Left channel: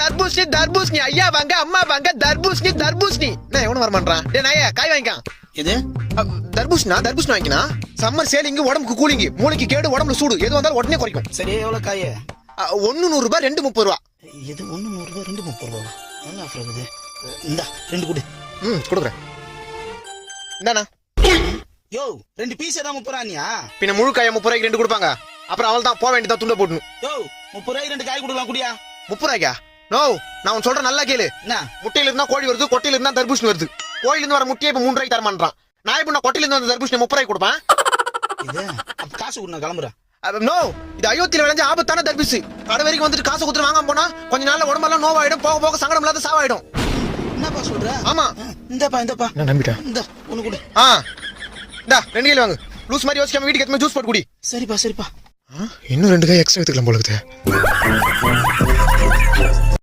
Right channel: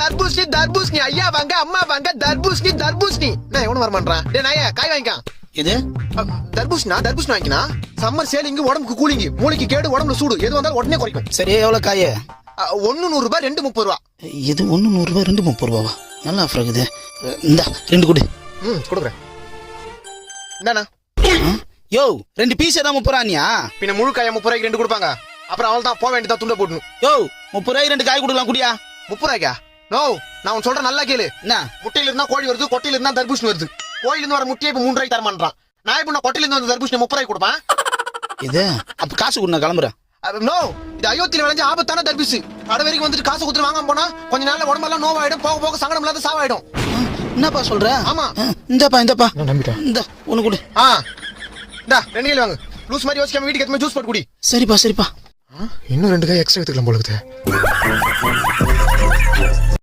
தர்பூசணி தர்பூசணி ஐயா வாங்க அம்மா வாங்க தர்பூசணி தர்பூசணி நான் எவனும் வர மாட்டான் டேய் நாயே காய் வாங்கிக்கான் இது தர்பூசணி வாங்கினா சம்மர் சேலிங் உடம்புக்கு கூலிங் மூளைக்கு கேடு உடம்புல சூடு எது வந்தாலும் உடனே குறைக்கும் சரி எவ்வளவு காய்? 1 100 ரூபாய் 2 30 ரூபா இது 1 100 ரூபாய் 2 30 ரூபாவா? நல்லா ஆஃபர் இருக்குது. இந்த 2 கொடு. கொடுக்குறேன். என்னண்ணா யோ 2 பீஸ் தான் 30 ரூபாயா? பின்ன முழு காய 30 ரூபாய்க்கு 2 கொடுப்பாங்க. அப்புறம் அவள் தான் போக வேண்டியதா துண்ட போடணும். யோ 30 ரூபாய்க்கு 2 காய் கொடுக்கலாம் குடியா? 30 ரூபாய்க்கா? நோ நான் உன் சொல்ற நல்லா கேளு. என்ன முட்டையில இருந்தா கோழி வருது, கொட்டையில இருந்தா தர்பூசணி வருது. கோயில இருந்து வர முட்டையை இப்ப 3 ரூபாய்க்கு தர மாட்டான். நான் இப்ப கொட்டையில இருந்து வந்த தர்பூசணி 30 ரூபாய்க்கு கொடுப்பேன். இது அப்ப காசு கொடு, நான் கிளம்புறேன். நோ இது அயோத்தியில விளைஞ்ச ஆபத்தான தர்பூசு. கடை வரைக்கும் வந்துட்டு காசு கொடுத்து வாங்காம போனா கொஞ்ச நாள்ல உடம்பெல்லாம் நோவாயிடும், போக போக சங்கடம் இல்லாத சாவாயிடும். என்னப்பா சொல்ற? ஆமா இந்தப்பா நான் நம்பிட்டேன். இந்த ஒண்ணு கொடு. இந்தா 2 கிலோ வாங்கு. லூஸ் மாதிரி யோசிக்காம வீட்டுக்கு எடுத்து ஜூஸ் போட்டு குடி. சரிப்பா. இன்னும் 2 காய் எக்ஸ்ட்ரா எடுத்துக்கலாம் போல இருக்குது.